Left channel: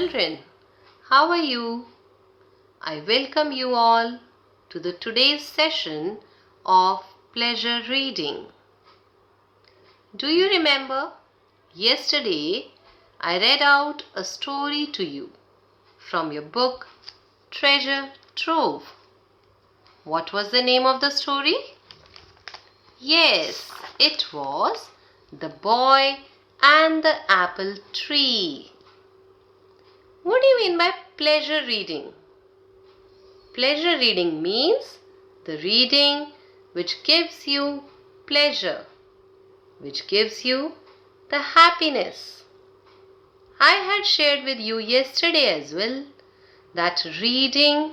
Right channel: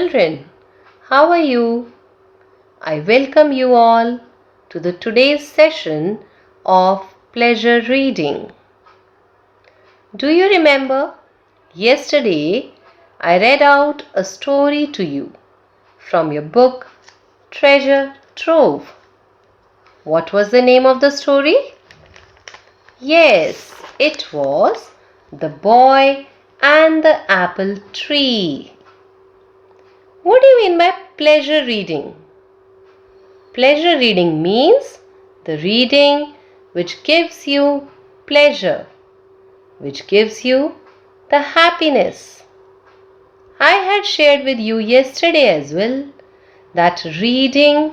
children, how are you? I welcome you all to the today's session of pleasure reading. Do you remember yesterday I read out a story to you from your book Treasure Trove. What was the name of the story? Yes, it was The Boy and the Apple Tree. What do you mean by pleasure reading? Pleasure reading means the reading which gives you pleasure, which gives you the happiness. I had shared with you yesterday as well that reading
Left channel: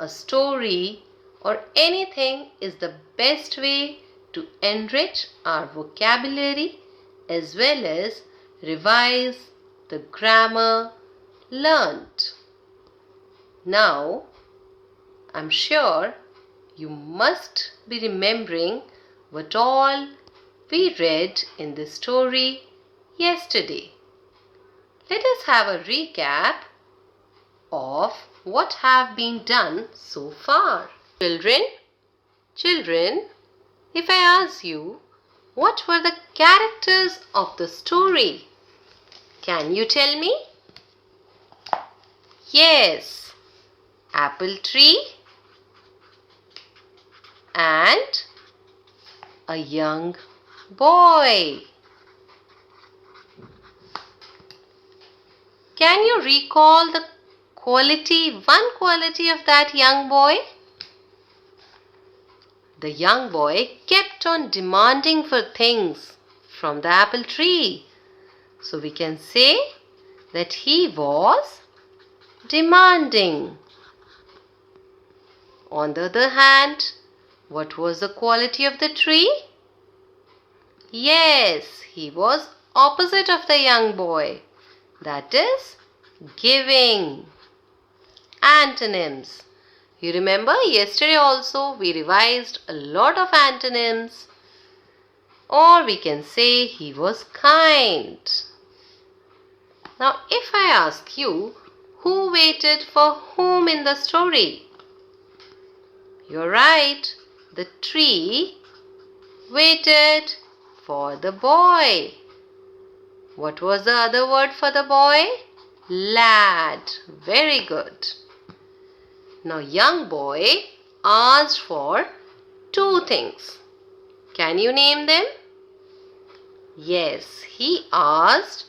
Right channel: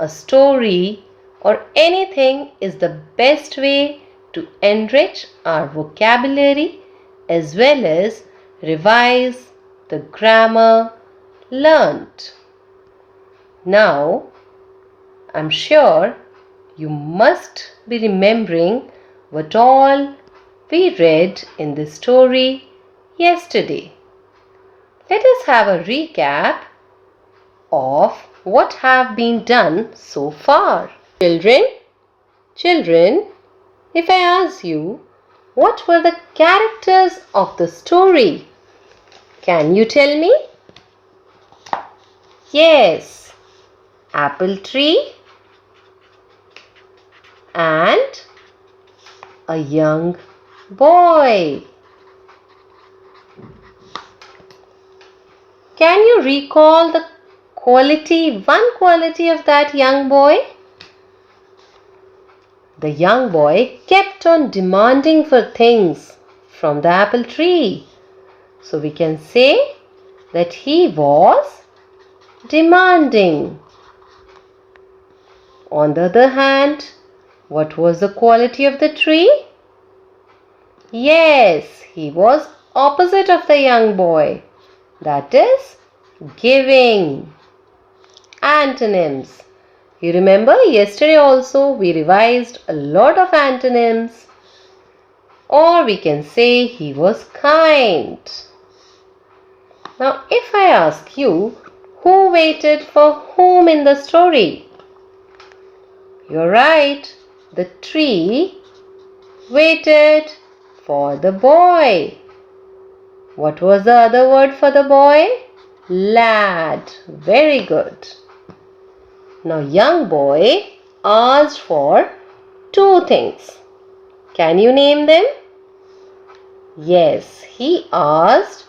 a story or anything is the best way to enrich our vocabulary as well as revise the grammar learnt. Now, I'm sure you must be remembering what all we read in the story yesterday. Let us have a recap of what have been done so far. Children, if I ask you, what were the characters of the story? Can you tell me? Yes, apple tree and a young boy. Can you recall the one quality of that young boy? The young boy kept on demanding for things from the apple tree. So we can say that he was demanding. On the other hand, what was the quality of the tree? Yes, he was opposite of the young boy. That is giving. Antonyms. You remember yesterday also we revised a lot of antonyms. Or we can say he was kind. Now if I ask you, who waited for whom in the story? You're right. The tree waited for the boy. What was the other word for the boy? Lad. Very good. Now young boy asked for two things. Can you name them? Yes, he asked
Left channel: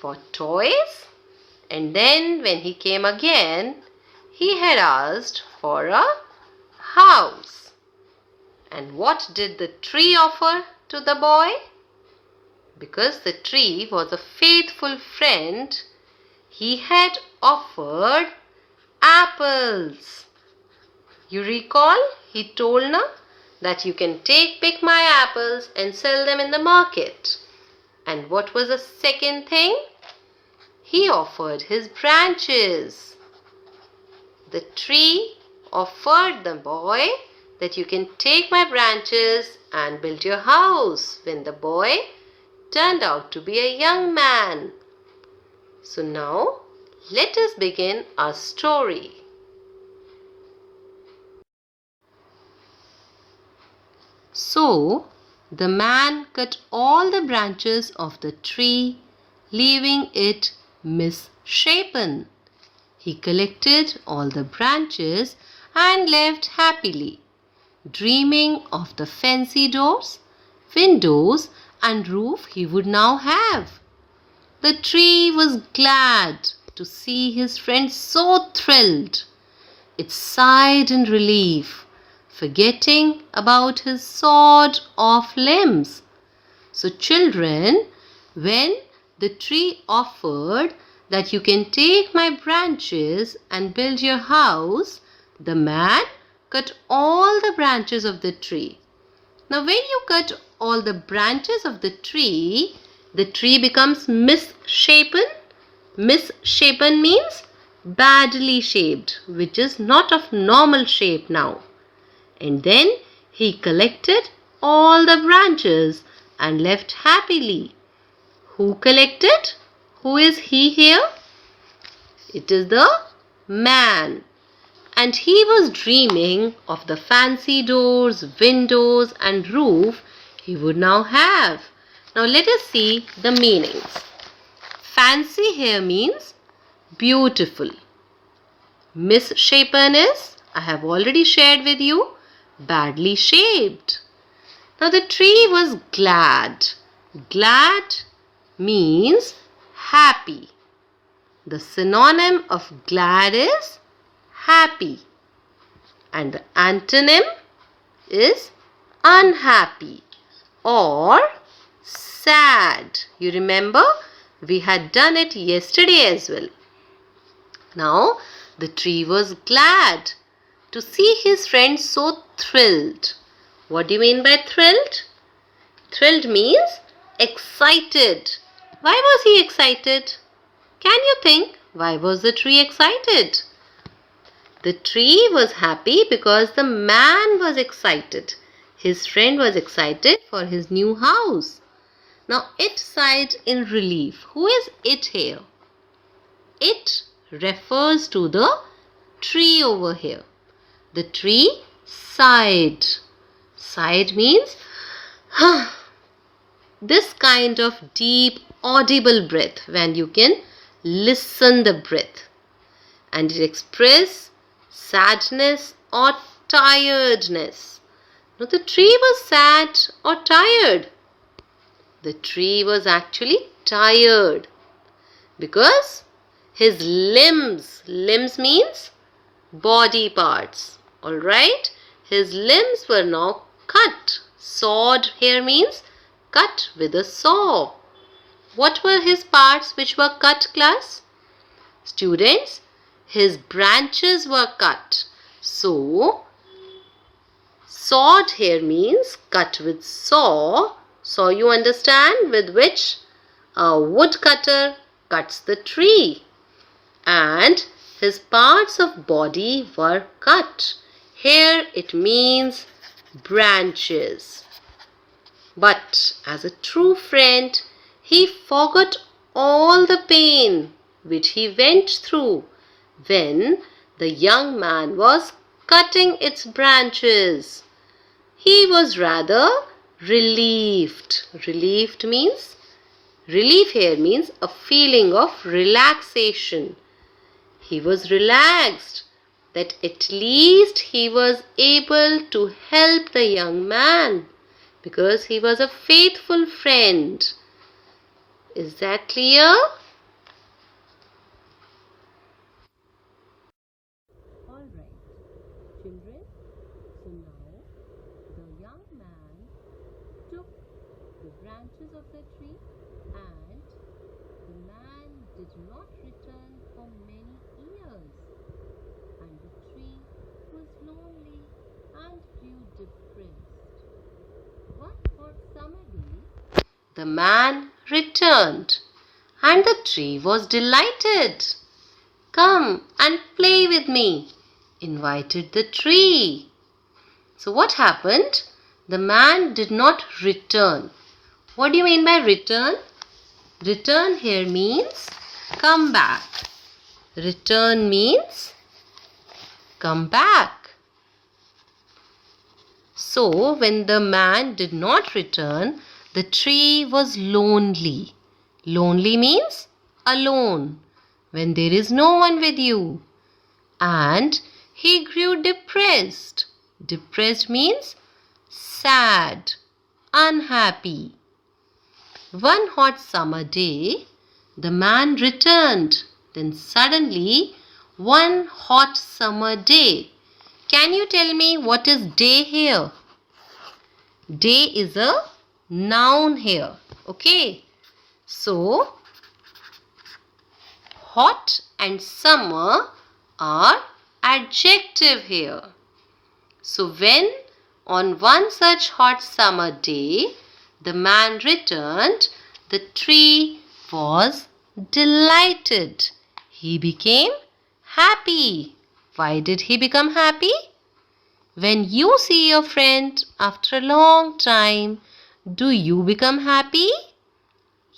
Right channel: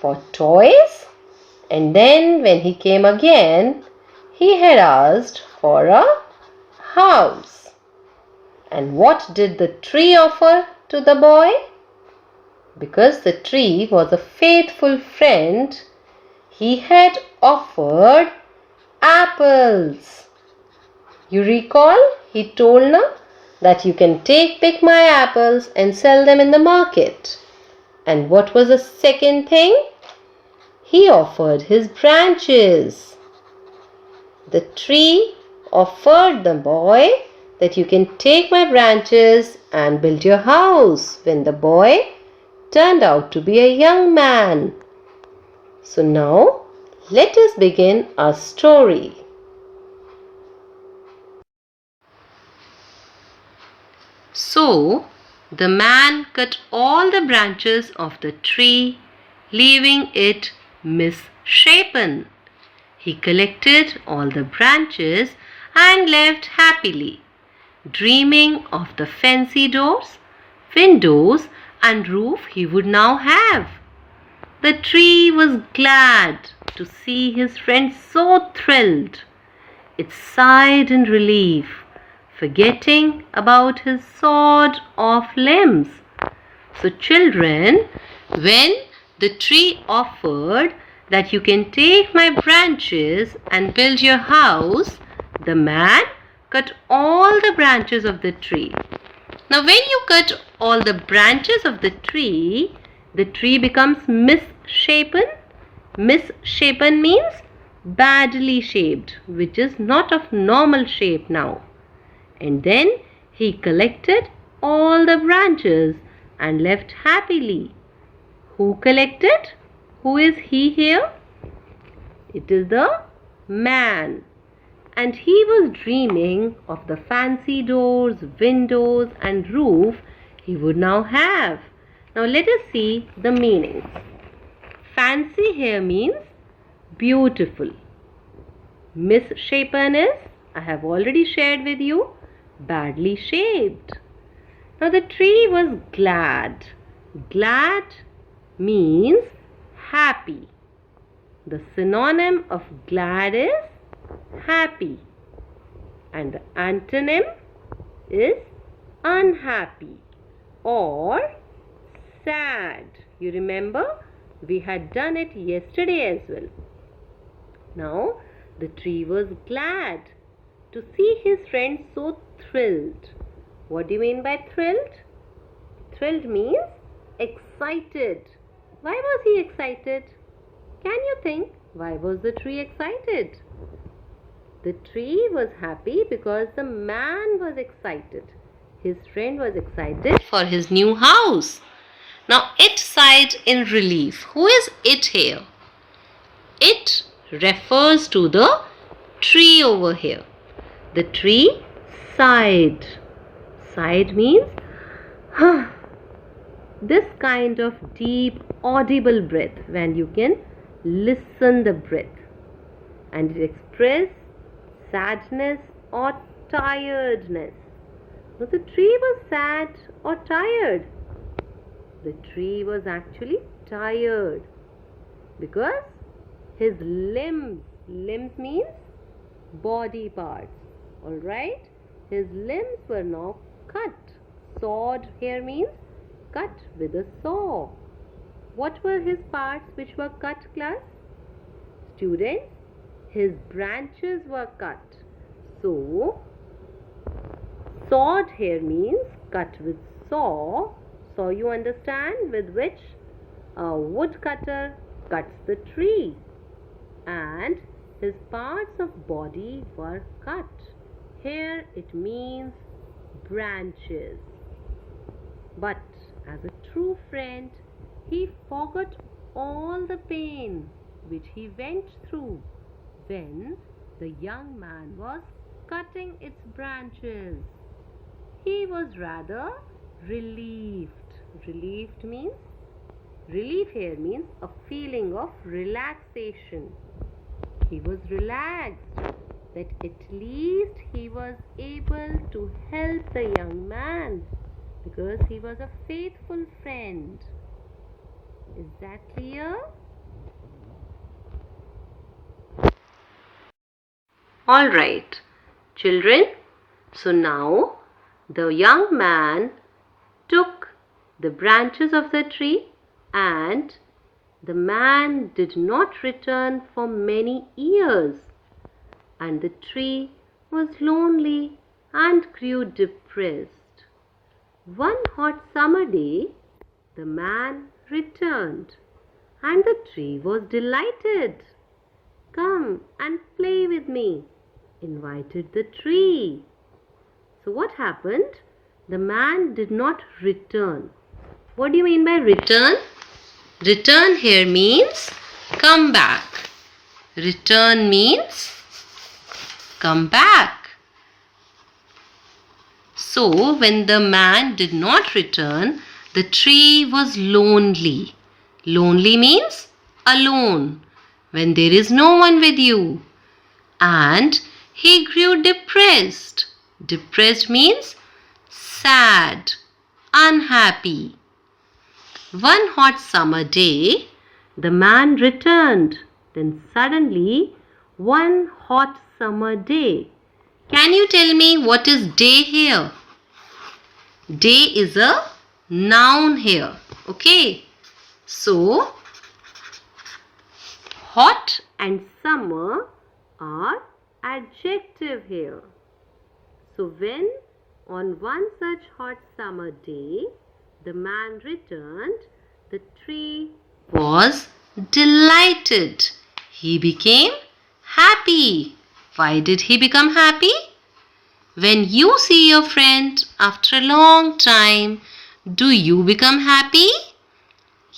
for toys, and then when he came again, he had asked for a house. And what did the tree offer to the boy? Because the tree was a faithful friend, he had offered apples. You recall he told na that you can pick my apples and sell them in the market. And what was the second thing? He offered his branches. The tree offered the boy that you can take my branches and build your house when the boy turned out to be a young man. So now let us begin our story. So the man cut all the branches of the tree, leaving it misshapen. He collected all the branches and left happily, dreaming of the fancy doors, windows, and roof he would now have. The tree was glad to see his friend so thrilled. It sighed in relief, forgetting about his sawed-off limbs. So children, when the tree offered that you can take my branches and build your house, the man cut all the branches of the tree. Now when you cut all the branches of the tree becomes misshapen. Misshapen means badly shaped, which is not of normal shape now. And then he collected all the branches and left happily. Who collected? Who is he here? It is the man. And he was dreaming of the fancy doors, windows, and roof he would now have. Now let us see the meanings. Fancy here means beautiful. Misshapen is, I have already shared with you, badly shaped. Now the tree was glad. Glad means happy. The synonym of glad is happy. And the antonym is unhappy or sad. You remember? We had done it yesterday as well. Now, the tree was glad to see his friend so thrilled. What do you mean by thrilled? Thrilled means excited. Why was he excited? Can you think? Why was the tree excited? The tree was happy because the man was excited. His friend was excited for his new house. Now, it sighed in relief. Who is it here? It refers to the tree over here. The tree sighed. Sighed means this kind of deep audible breath when you can listen the breath. And it expresses sadness or tiredness. Now the tree was sad or tired? The tree was actually tired because his limbs means body parts, alright? His limbs were now cut. Sawed here means cut with a saw. What were his parts which were cut, class? Students, his branches were cut. So, sawed here means cut with saw. So you understand, with which a woodcutter cuts the tree. And his parts of body were cut. Here it means branches. But as a true friend, he forgot all the pain which he went through when the young man was cutting its branches. He was rather relieved. Relief here means a feeling of relaxation. He was relaxed that at least he was able to help the young man because he was a faithful friend. Is that clear? All right, children. So now the young man took the branches of the tree and the man did not return for many years, and the tree was lonely and grew depressed. One hot summer day, the man returned and the tree was delighted. "Come and play with me," invited the tree. So what happened? The man did not return. What do you mean by return? Return here means come back. Return means come back. So when the man did not return, the tree was lonely. Lonely means alone, when there is no one with you. And he grew depressed. Depressed means sad, unhappy. One hot summer day, the man returned. Then suddenly, one hot summer day. Can you tell me what is day here? Day is a noun here. Okay. So, hot and summer are adjective here. So when on one such hot summer day the man returned, the tree was delighted. He became happy. Why did he become happy? When you see your friend after a long time, do you become happy?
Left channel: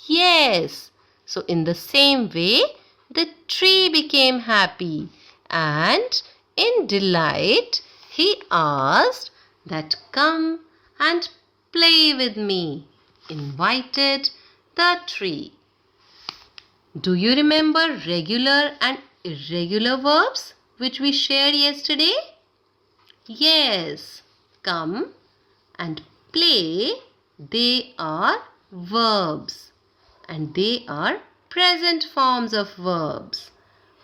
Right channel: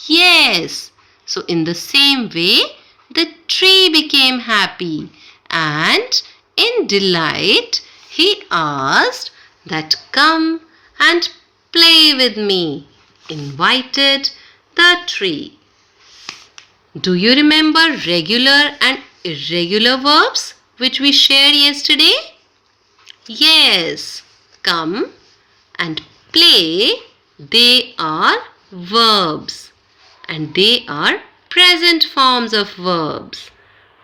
Yes. So in the same way, the tree became happy, and in delight he asked that come and play with me, invited the tree. Do you remember regular and irregular verbs which we shared yesterday? Yes, come and play, they are verbs and they are present forms of verbs.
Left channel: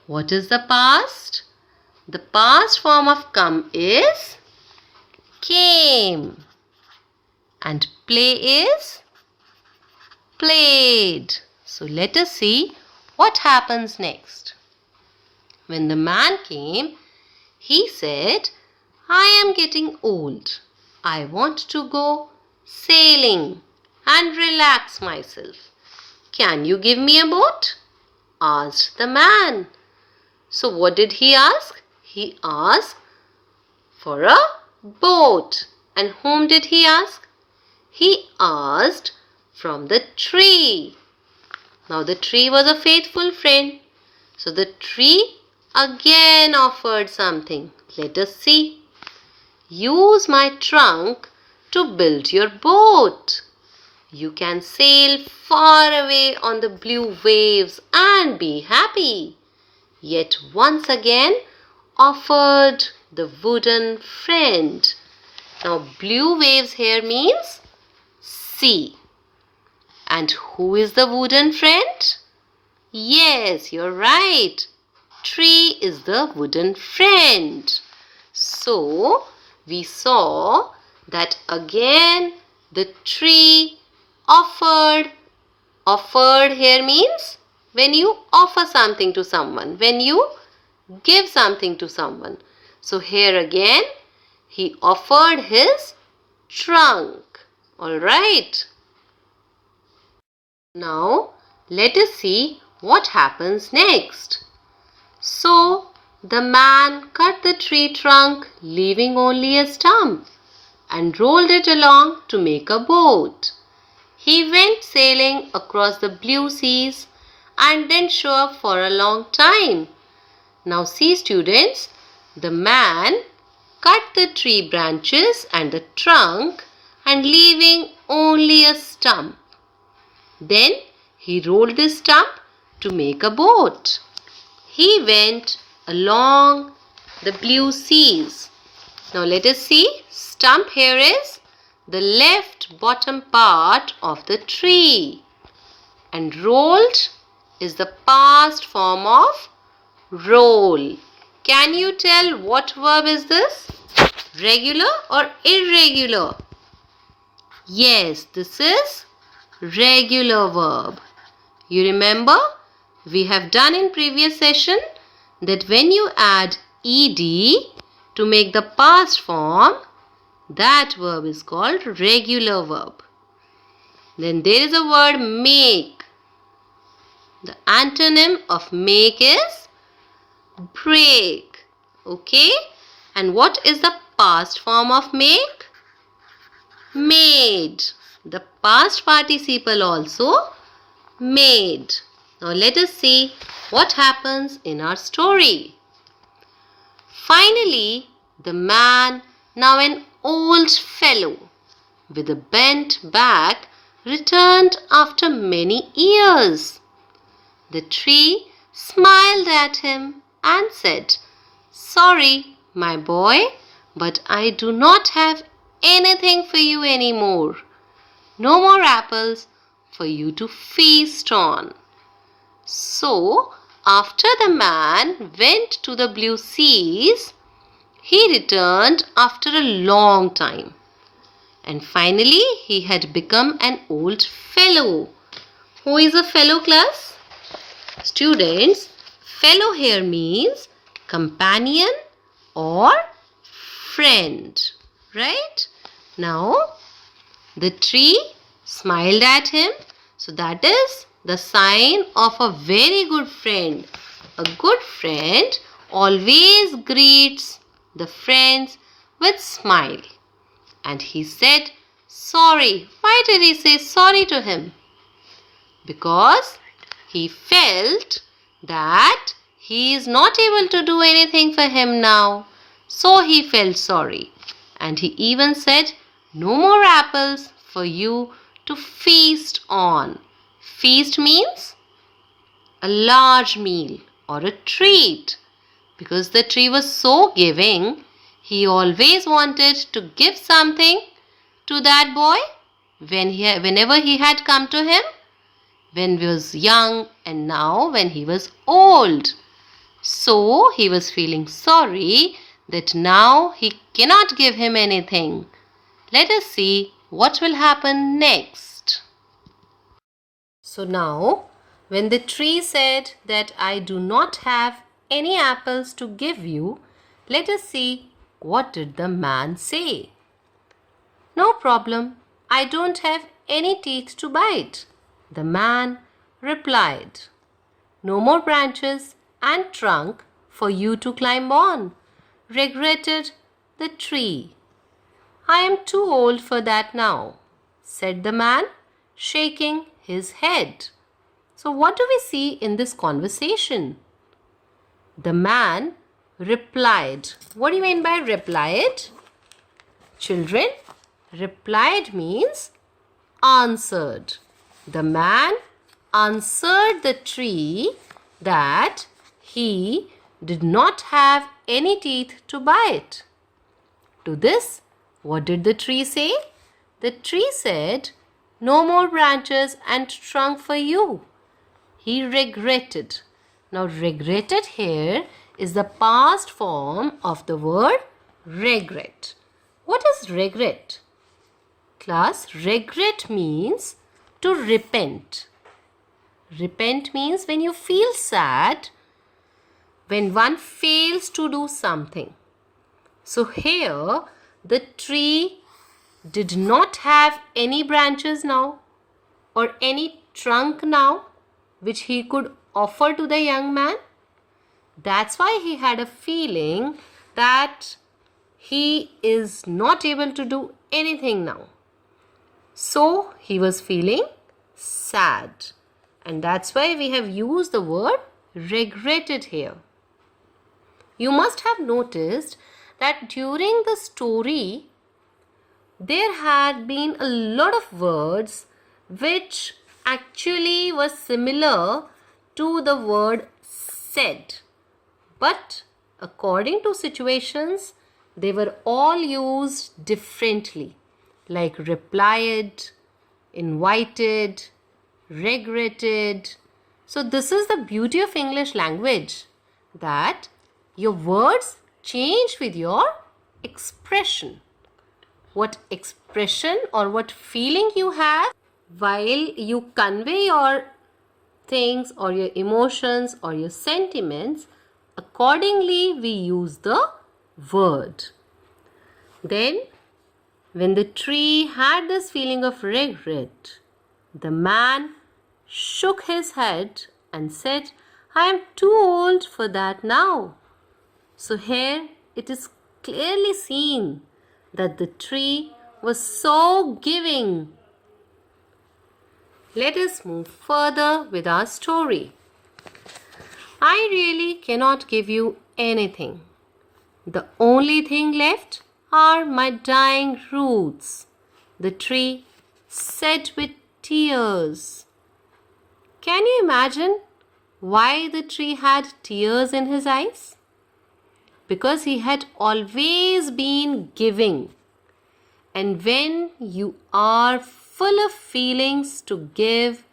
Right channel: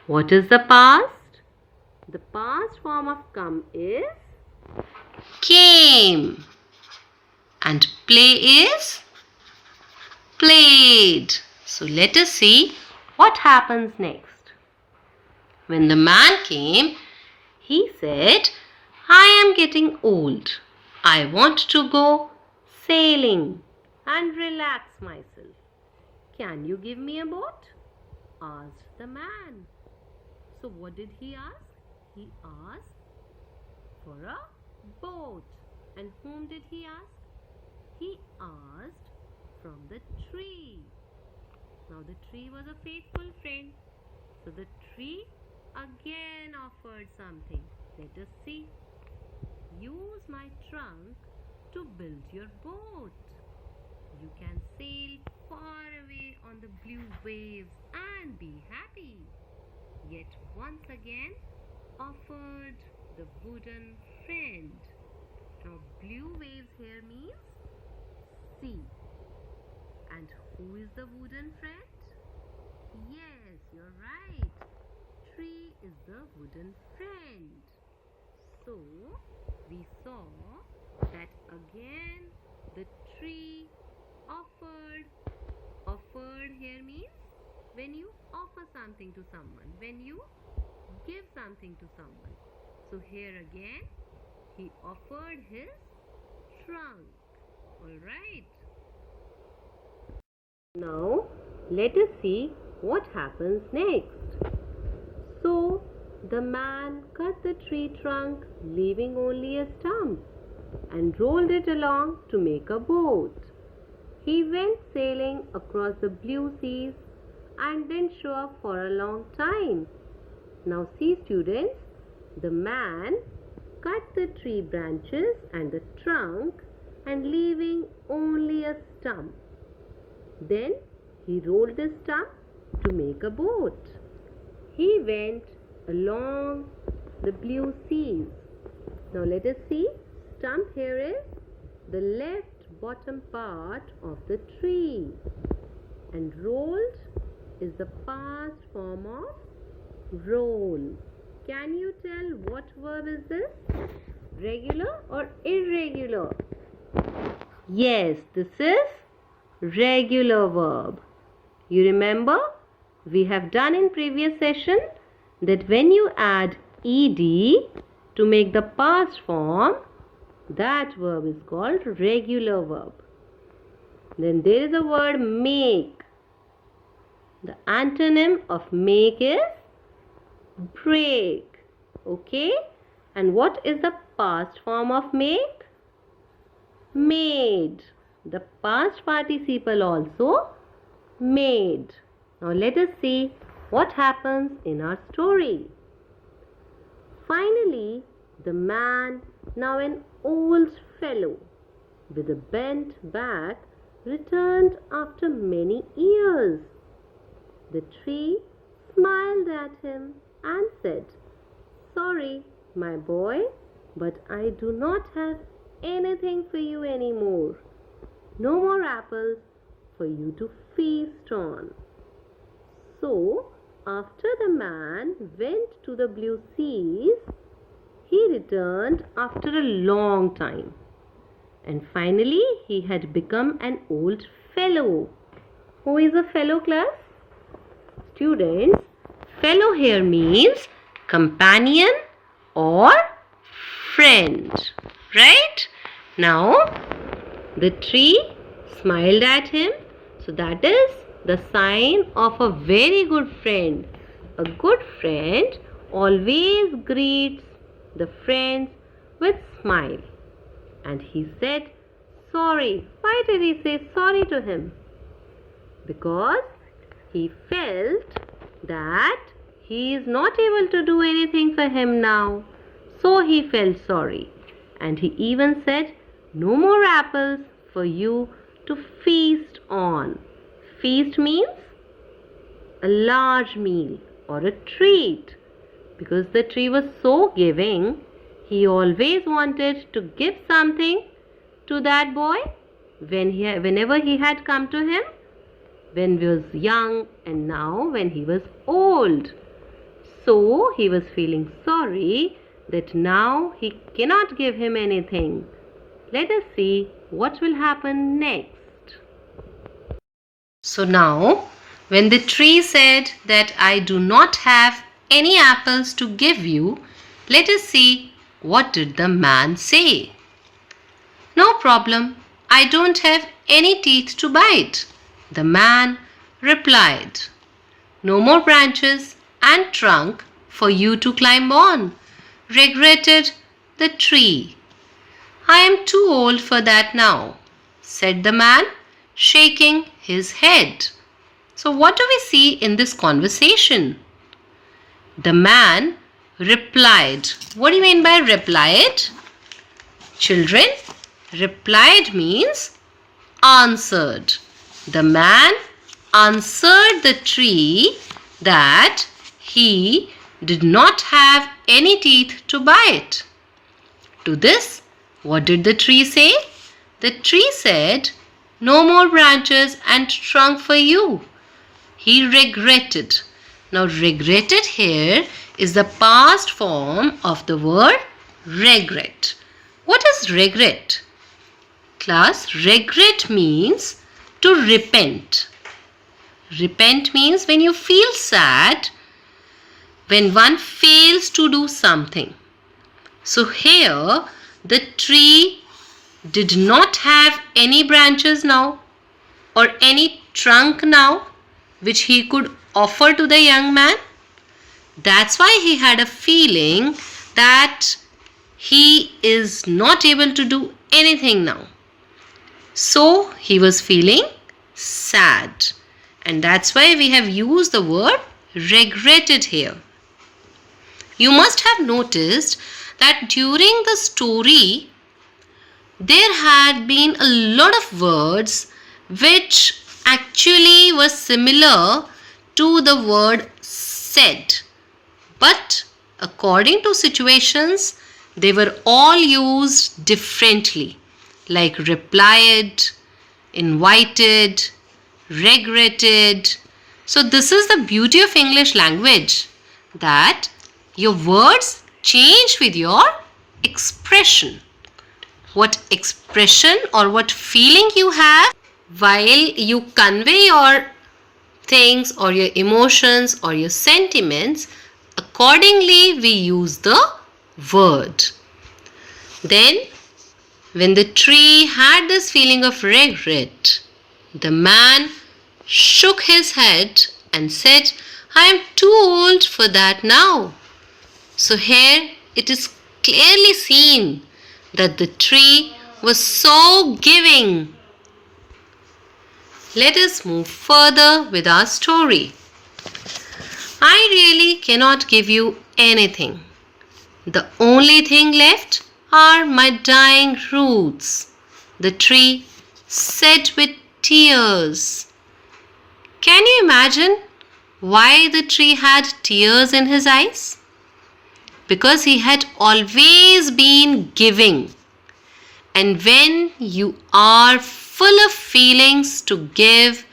What is the past? The past form of come is came and play is played. So let us see what happens next. When the man came, he said, I am getting old. I want to go sailing and relax myself. Can you give me a boat? Asked the man. So what did he ask? He asked for a boat. And whom did he ask? He asked from the tree. Now the tree was a faithful friend. So the tree again offered something. Let us see. Use my trunk to build your boat. You can sail far away on the blue waves and be happy. Yet once again offered the wooden friend. Now blue waves here means sea. And who is the wooden friend? Yes, you're right. Tree is the wooden friend. So we saw that again the tree offered. Offered here means when you offer something to someone, when you give something to someone. So here again he offered his trunk. Alright. Now let us see what happens next. So the man cut the tree trunk, leaving only a stump, and rolled it along to make a boat. He went sailing across the blue seas and didn't show up for a long time. Now see students, the man cut the tree branches and the trunk and leaving only a stump. Then he rolled the stump to make a boat. He went along the blue seas. Now let us see. Stump here is the left bottom part of the tree. And rolled is the past form of roll. Can you tell what verb is this? Regular or irregular? Yes, this is regular verb. You remember? We have done in previous session that when you add ed to make the past form, that verb is called regular verb. Then there is a word make. The antonym of make is break. Okay? And what is the past form of make? Made. The past participle also made. Now let us see what happens in our story. Finally, the man, now an old fellow with a bent back, returned after many years. The tree smiled at him and said, Sorry, my boy, but I do not have anything for you anymore. No more apples for you to feast on. So, after the man went to the blue seas, he returned after a long time. And finally, he had become an old fellow. Who is a fellow class? Students, fellow here means companion or friend. Right? Now, the tree smiled at him. So that is the sign of a very good friend. A good friend always greets the friends with smile. And he said, sorry. Why did he say sorry to him? Because he felt that he is not able to do anything for him now. So he felt sorry, and he even said, "No more apples for you to feast on." Feast means a large meal or a treat. Because the tree was so giving, he always wanted to give something to that boy whenever he had come to him, when he was young and now when he was old. So he was feeling sorry that now he cannot give him anything. Let us see what will happen next. So now, when the tree said that I do not have any apples to give you, let us see what did the man say. "No problem, I don't have any teeth to bite," the man replied. "No more branches and trunk for you to climb on," regretted the tree. "I am too old for that now," said the man, shaking his head. So what do we see in this conversation? The man replied. What do you mean by replied? Children, replied means answered. The man answered the tree that he did not have any teeth to bite. To this, what did the tree say? The tree said, "No more branches and trunk for you." He regretted. Now, regretted here is the past form of the word regret. What is regret? Class, regret means to repent. Repent means when you feel sad when one fails to do something. So here the tree did not have any branches now or any trunk now which he could offer to the young man. That's why he had a feeling that he is not able to do anything now. So he was feeling sad. And that's why we have used the word regretted here. You must have noticed that during the story, there had been a lot of words which actually were similar to the word said. But according to situations, they were all used differently, like replied, invited, regretted. So this is the beauty of English language, that your words change with your expression. What expression or what feeling you have while you convey your things or your emotions or your sentiments, accordingly we use the word. Then when the tree had this feeling of regret, the man shook his head and said, "I am too old for that now." So here it is clearly seen that the tree was so giving. Let us move further with our story. "I really cannot give you anything. The only thing left are my dying roots," the tree said with tears. Can you imagine why the tree had tears in his eyes? Because he had always been giving. And when you are full of feelings to give,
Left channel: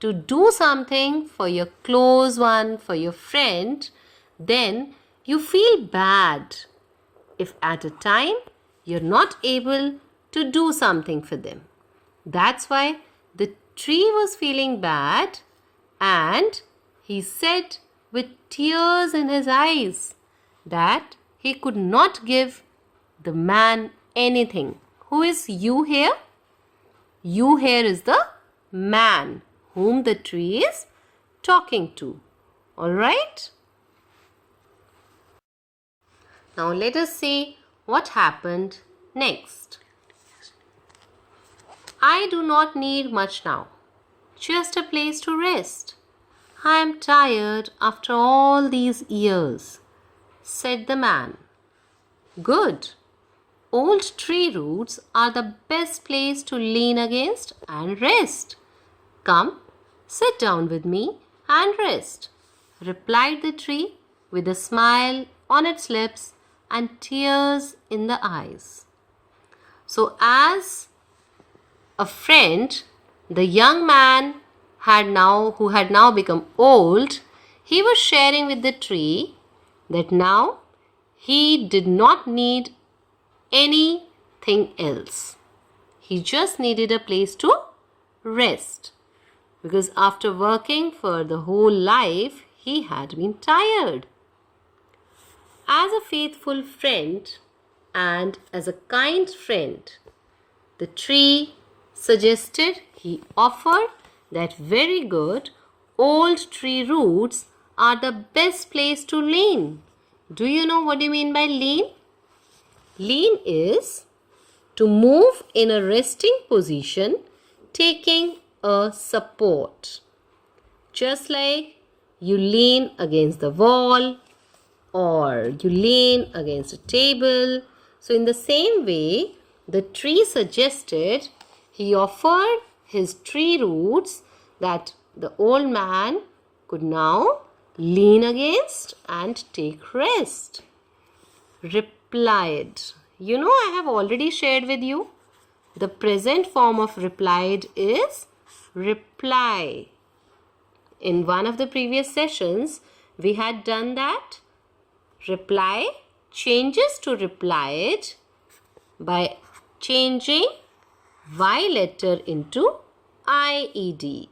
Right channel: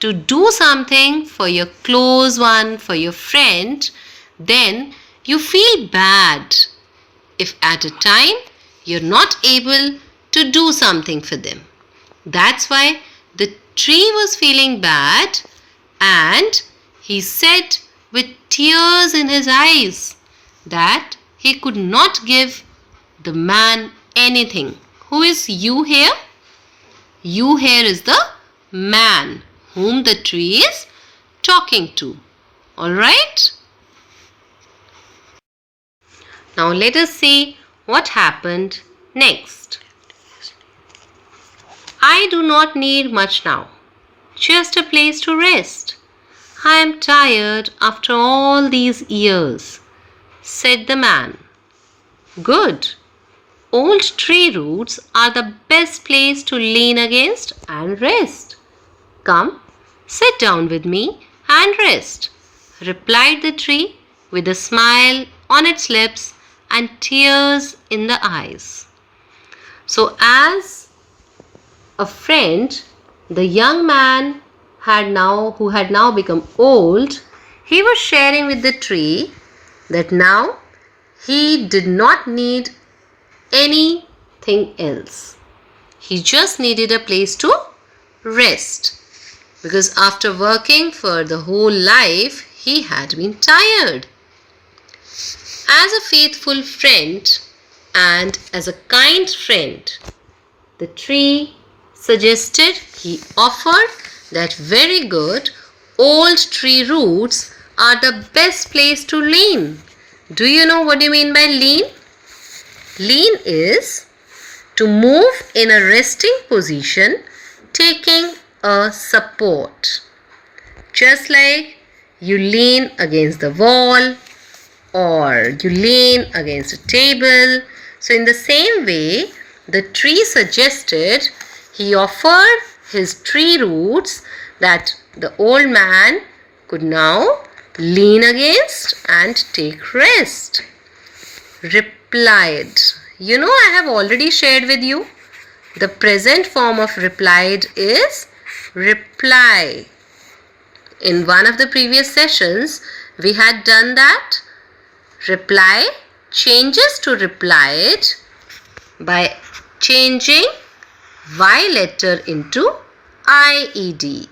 to do something for your close one, for your friend, then you feel bad if at a time you're not able to do something for them. That's why the tree was feeling bad, and he said with tears in his eyes that he could not give the man anything. Who is you here? You here is the man whom the tree is talking to. Alright? Now let us see what happened next. "I do not need much now, just a place to rest. I am tired after all these years, said the man. Good. Old tree roots are the best place to lean against and rest. Come, sit down with me and rest, replied the tree with a smile on its lips and tears in the eyes. So, as a friend, the young man who had now become old, he was sharing with the tree that now he did not need anything else. He just needed a place to rest, because after working for the whole life, he had been tired. As a faithful friend and as a kind friend, the tree suggested, he offered that very good old tree roots are the best place to lean. Do you know what do you mean by lean? Lean is to move in a resting position, taking a support. Just like you lean against the wall or you lean against a table. So in the same way, the tree suggested, he offered his tree roots that the old man could now lean against and take rest. Replied. You know, I have already shared with you. The present form of replied is reply. In one of the previous sessions, we had done that. Reply changes to replied by changing Y letter into IED.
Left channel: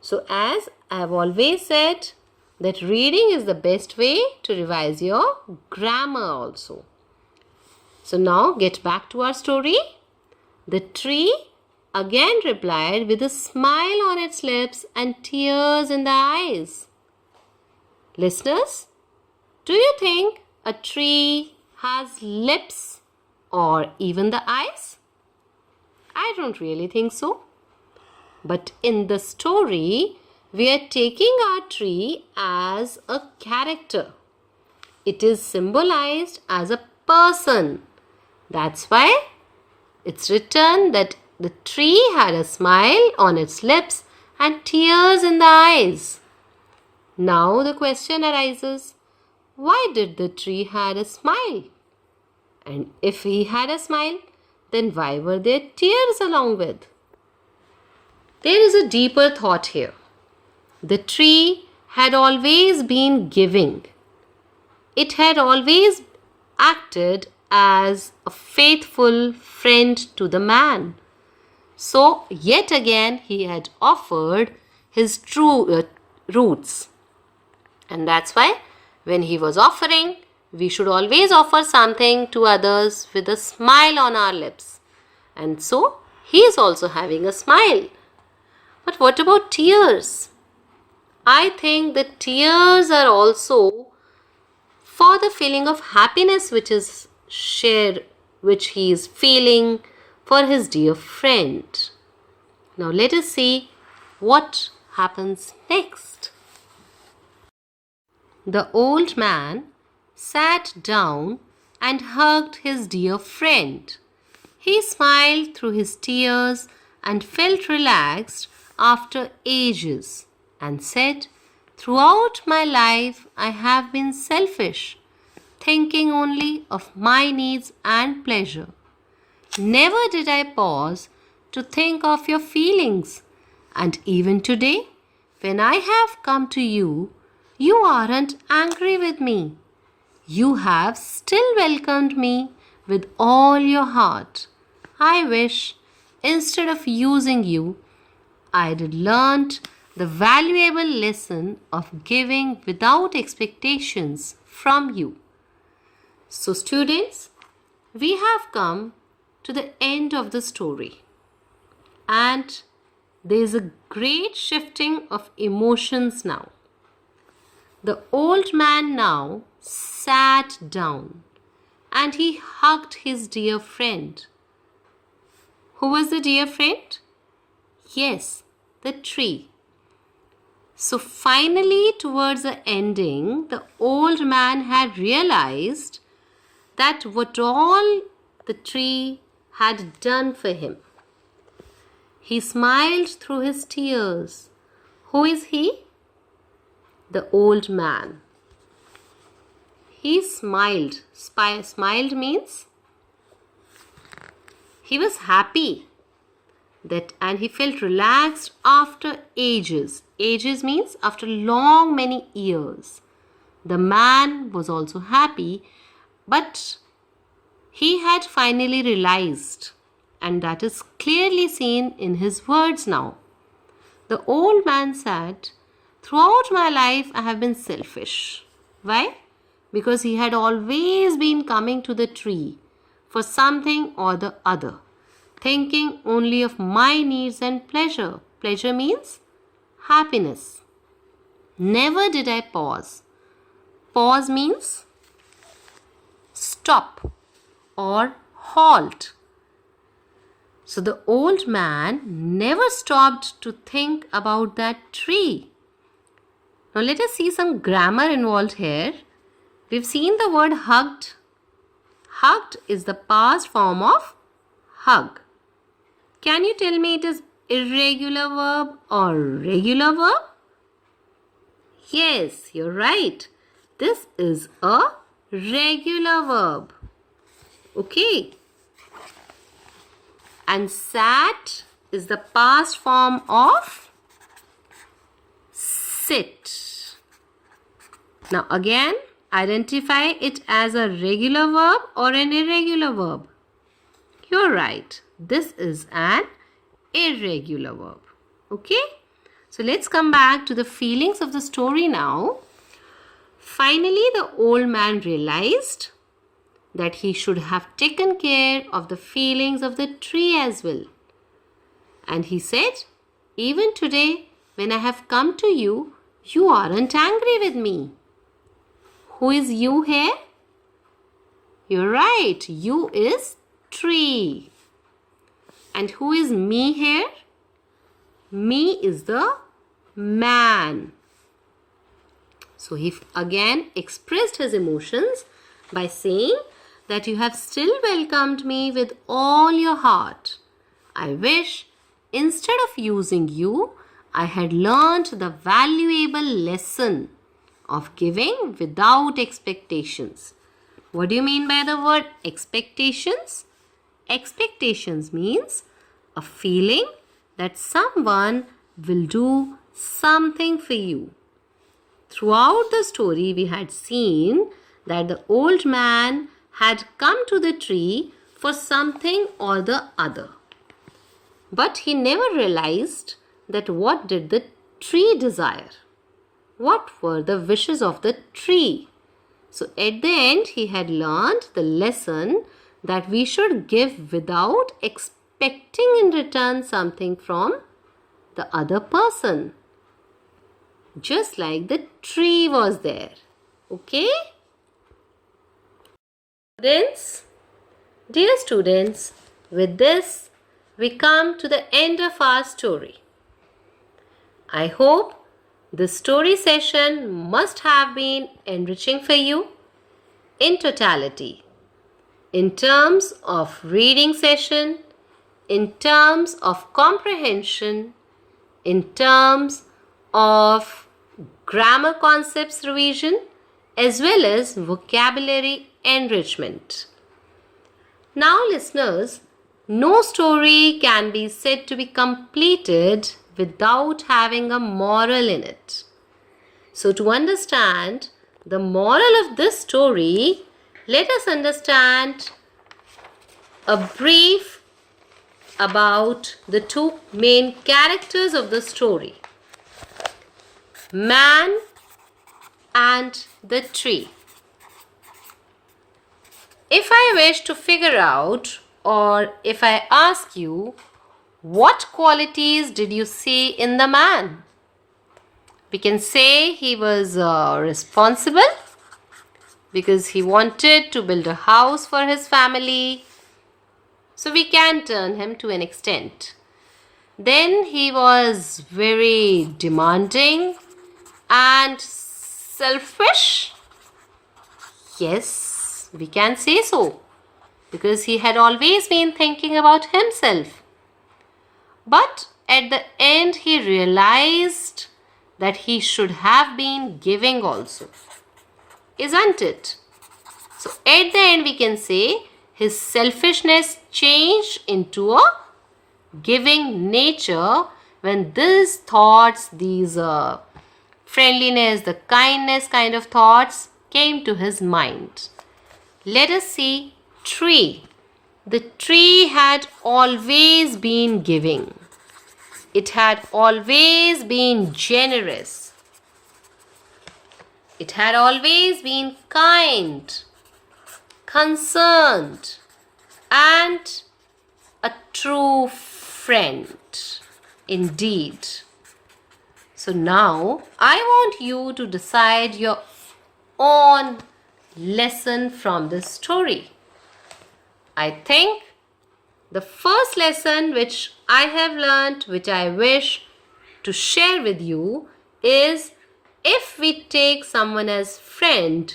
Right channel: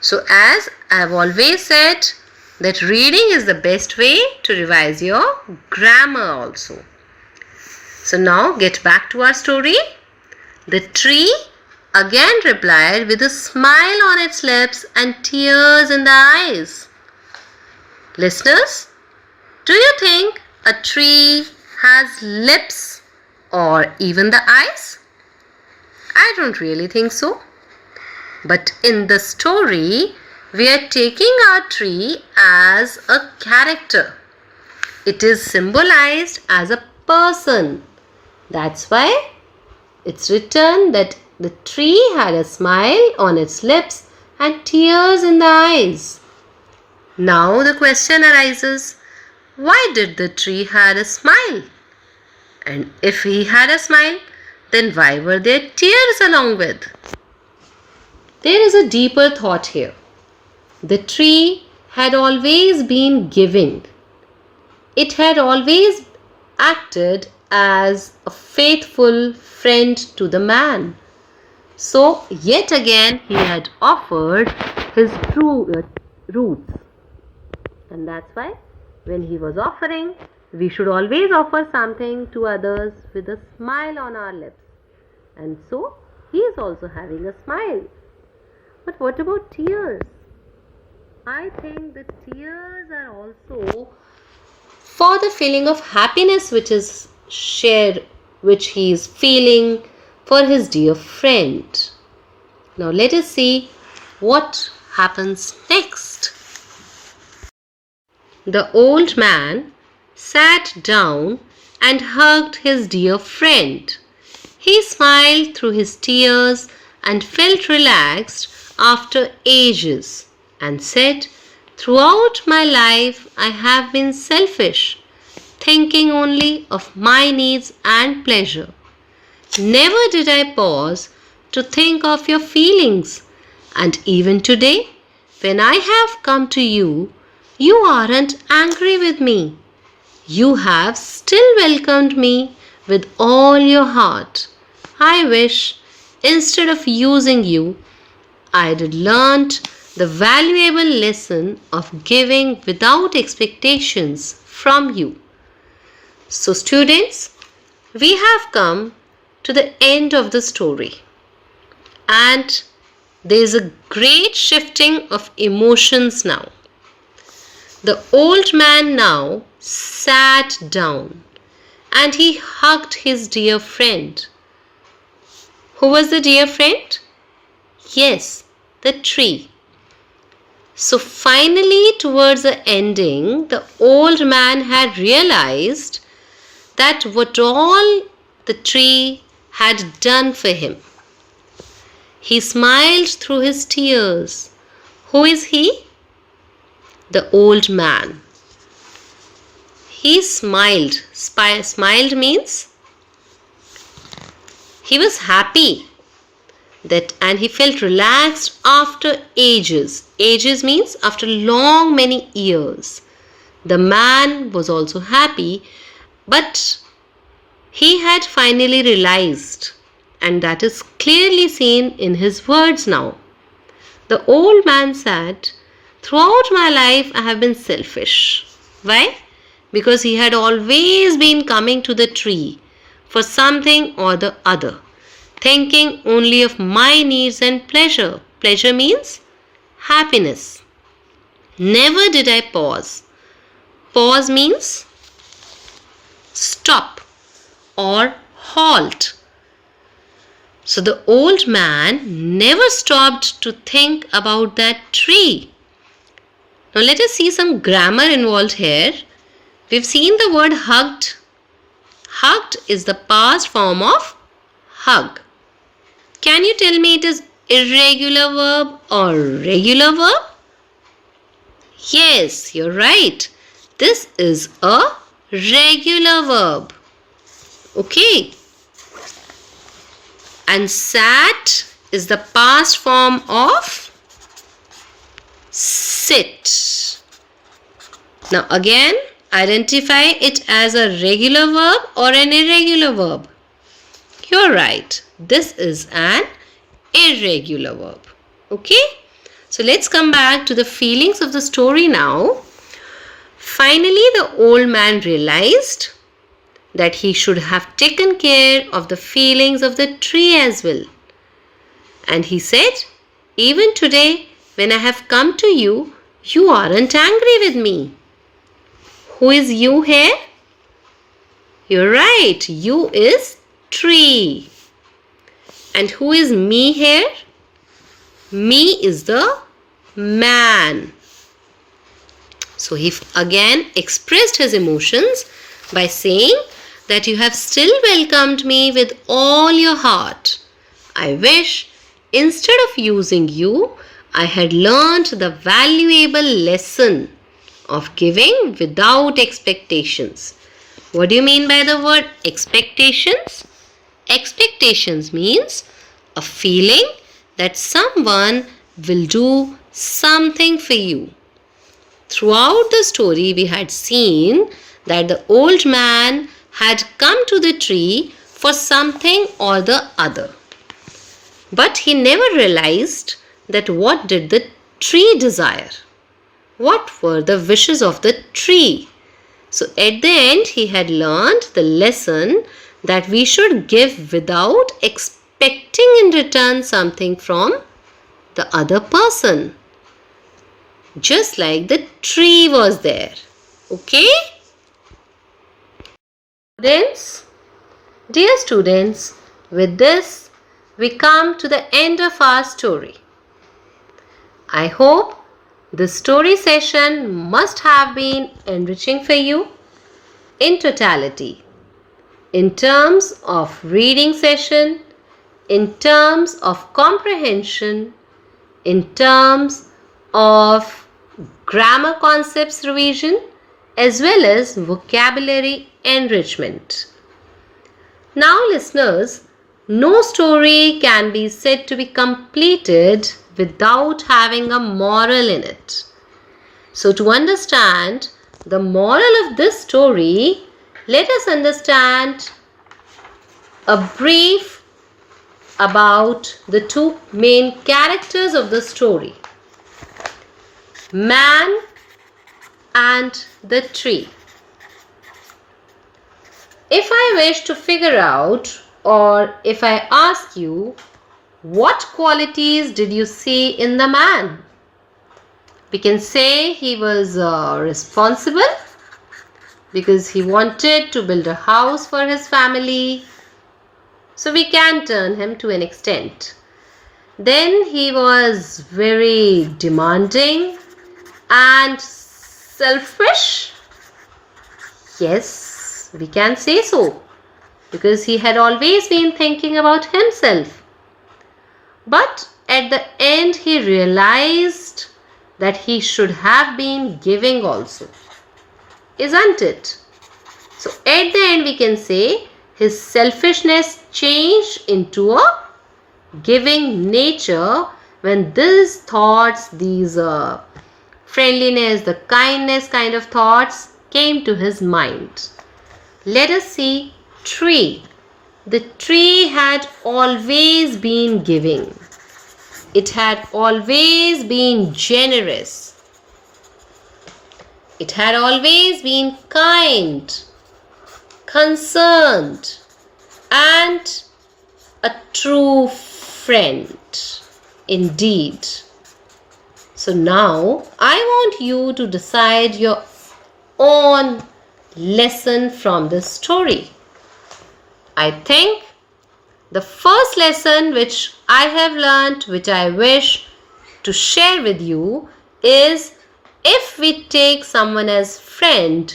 So as I have always said, that reading is the best way to revise your grammar also. So now get back to our story. The tree again replied with a smile on its lips and tears in the eyes. Listeners, do you think a tree has lips or even the eyes? I don't really think so. But in the story, we are taking our tree as a character. It is symbolized as a person. That's why it's written that the tree had a smile on its lips and tears in the eyes. Now the question arises, why did the tree had a smile? And if he had a smile, then why were there tears along with? There is a deeper thought here. The tree had always been giving. It had always acted as a faithful friend to the man. So, yet again, he had offered his true roots. And that's why when he was offering, we should always offer something to others with a smile on our lips. And so, he is also having a smile. But what about tears? I think the tears are also for the feeling of happiness which is shared, which he is feeling for his dear friend. Now let us see what happens next. The old man sat down and hugged his dear friend. He smiled through his tears and felt relaxed after ages and said, "Throughout my life I have been selfish, thinking only of my needs and pleasure. Never did I pause to think of your feelings, and even today, when I have come to you, you aren't angry with me. You have still welcomed me with all your heart. I wish, instead of using you, I had learnt the valuable lesson of giving without expectations from you." So students, we have come to the end of the story, and there is a great shifting of emotions now. The old man now sat down and he hugged his dear friend. Who was the dear friend? Yes, the tree. So finally, towards the ending, the old man had realized that what all the tree had done for him. He smiled through his tears. Who is he? The old man. He smiled. Smiled means he was happy and he felt relaxed after ages. Ages means after long many years. The man was also happy, but he had finally realized, and that is clearly seen in his words now. The old man said, "Throughout my life I have been selfish." Why? Because he had always been coming to the tree for something or the other, thinking only of my needs and pleasure. Pleasure means happiness. Never did I pause. Pause means stop or halt. So the old man never stopped to think about that tree. Now let us see some grammar involved here. We've seen the word hugged. Hugged is the past form of hug. Can you tell me it is irregular verb or regular verb? Yes, you're right. This is a regular verb. Okay. And sat is the past form of sit. Now again, identify it as a regular verb or an irregular verb. You're right. This is an irregular verb. Okay? So let's come back to the feelings of the story now. Finally, the old man realized that he should have taken care of the feelings of the tree as well. And he said, "Even today, when I have come to you, you aren't angry with me." Who is you here? You're right. You is tree. And who is me here? Me is the man. So he again expressed his emotions by saying that you have still welcomed me with all your heart. I wish instead of using you, I had learned the valuable lesson of giving without expectations. What do you mean by the word expectations? Expectations means a feeling that someone will do something for you. Throughout the story, we had seen that the old man had come to the tree for something or the other. But he never realized that what did the tree desire? What were the wishes of the tree? So at the end, he had learned the lesson that we should give without expecting in return something from the other person. Just like the tree was there. Okay? Dear students, with this, we come to the end of our story. I hope this story session must have been enriching for you in totality, in terms of reading session, in terms of comprehension, in terms of grammar concepts revision, as well as vocabulary enrichment. Now, listeners, no story can be said to be completed without having a moral in it. So, to understand the moral of this story, let us understand a brief about the two main characters of the story, man and the tree. If I wish to figure out, or if I ask you, what qualities did you see in the man? We can say he was responsible because he wanted to build a house for his family. So we can turn him to an extent. Then he was very demanding and selfish? Yes, we can say so, because he had always been thinking about himself. But at the end, he realized that he should have been giving also, isn't it? So at the end, we can say his selfishness changed into a giving nature when these thoughts, these friendliness, the kindness kind of thoughts came to his mind. Let us see tree. The tree had always been giving. It had always been generous. It had always been kind, concerned, and a true friend indeed. So now I want you to decide your own lesson from this story. I think the first lesson which I have learnt, which I wish to share with you, is if we take someone as friend,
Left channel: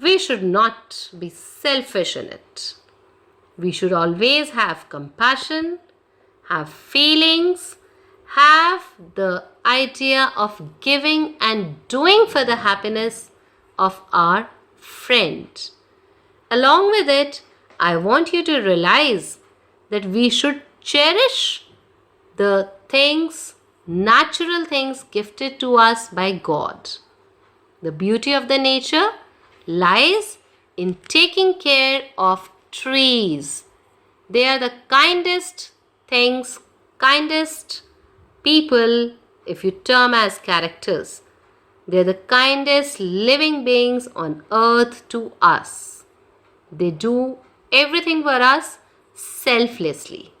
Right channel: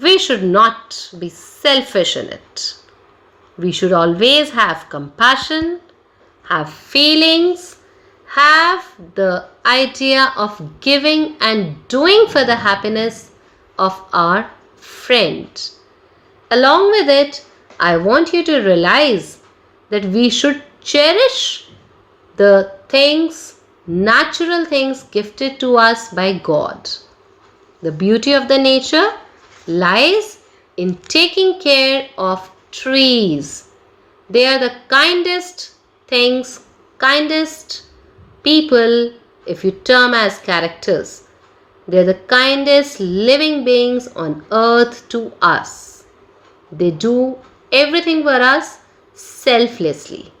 we should not be selfish in it. We should always have compassion, have feelings, have the idea of giving and doing for the happiness of our friend. Along with it, I want you to realize that we should cherish the things, natural things gifted to us by God. The beauty of the nature lies in taking care of trees. They are the kindest things, kindest people, if you term as characters. They are the kindest living beings on earth to us. They do everything for us selflessly.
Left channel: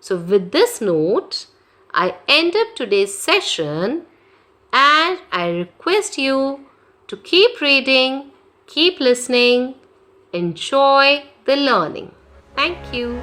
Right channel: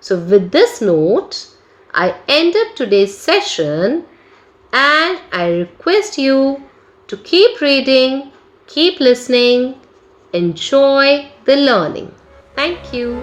So with this note, I end up today's session, and I request you to keep reading, keep listening, enjoy the learning. Thank you.